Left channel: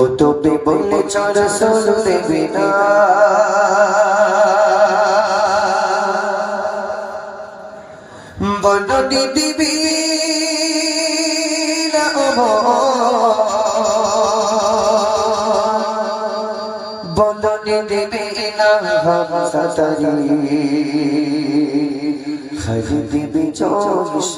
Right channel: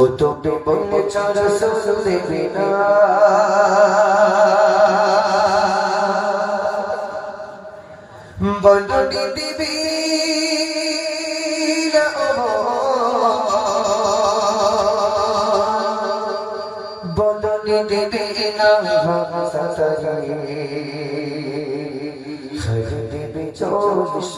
বলেছ রসুল দেবে না। বলনি দিবি না বলনি দিবি না সাতারি খাই দিবি চল্লিশ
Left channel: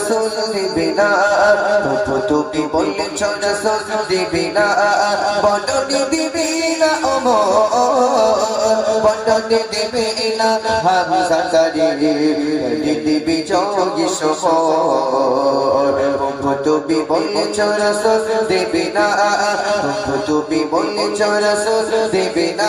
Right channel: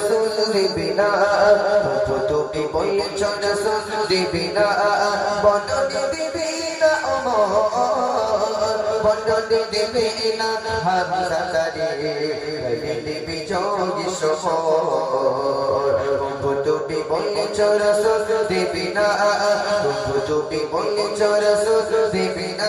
চল দিবে না প্রভু তুমি বললে চল দিবে না বদনে দিবে না বদনে দিবে না হামজা তারি দিবি জয় শহর। প্রভু তুমি বললে চল দিবে না প্রভু তুমি বললে চল দিবে না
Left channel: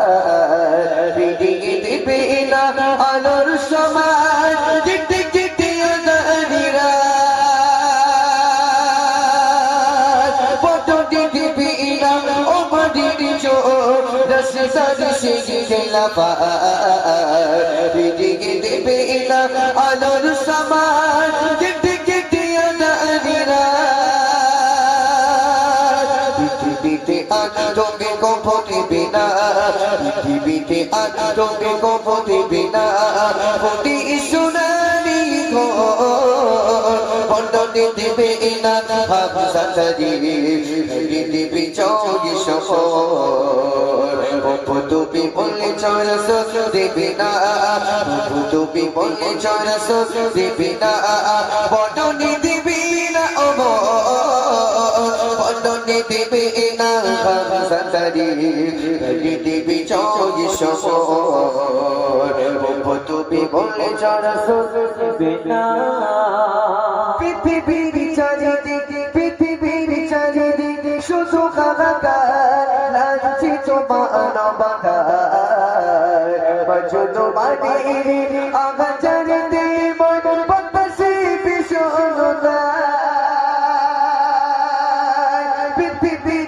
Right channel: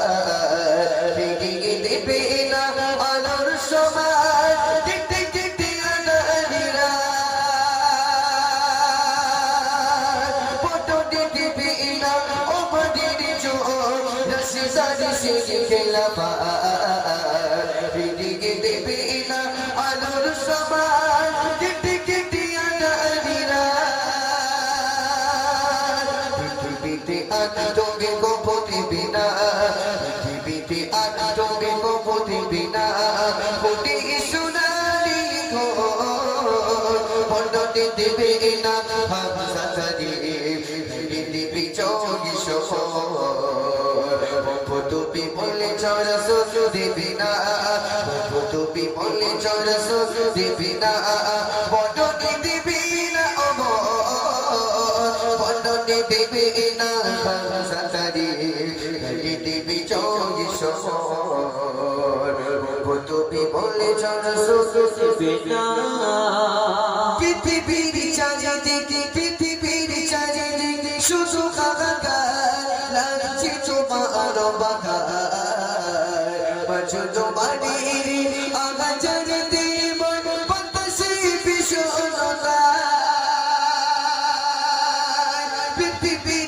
পৃথিবীতে আনন্দকে কখনো দেবে না পৃথিবীতে আনন্দকে কখনো দেবে না কোটি সোনালি বন্ধনে দেবে দেবে না দেবে ভাবসাতারি দেবে চৌকি তুমি বললে চরস দেবে না পৃথিবীর চারিদিকে পৃথিবীর চারিদিকে শুধু কাকার লাগছে তোমার বাধার বছর বাড়ির আগাচার দিল মন বাতাসে বিষণতা পৃথিবীর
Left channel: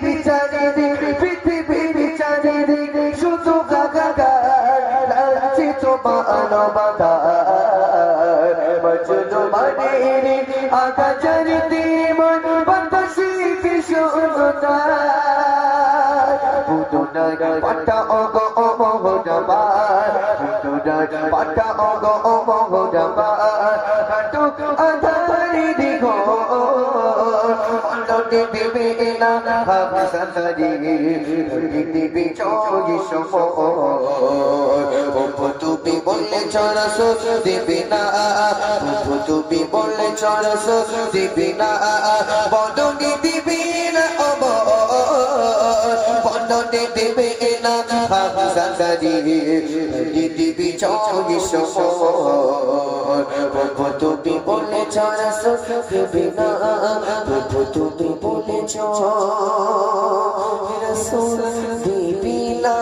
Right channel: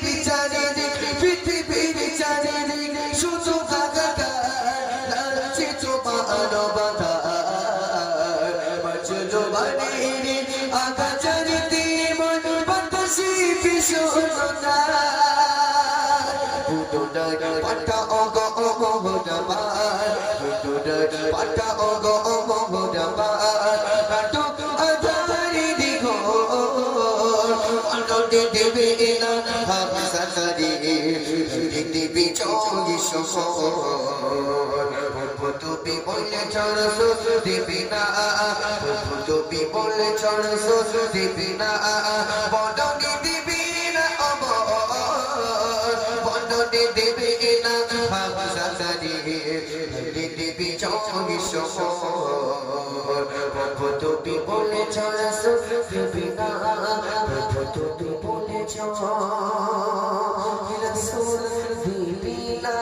পাটা অগ পুতুনার পাটা অগ হাবসা সারি দিবি প্রভু তুমি বললে চরস দেবে না প্রভু তুমি বললে চরস দেবে না বদনে দিবে না অমর বন্ধনে দেবে না হামসা সারি দিবি প্রভু তুমি বলে চরস দেবে চরস দিবি না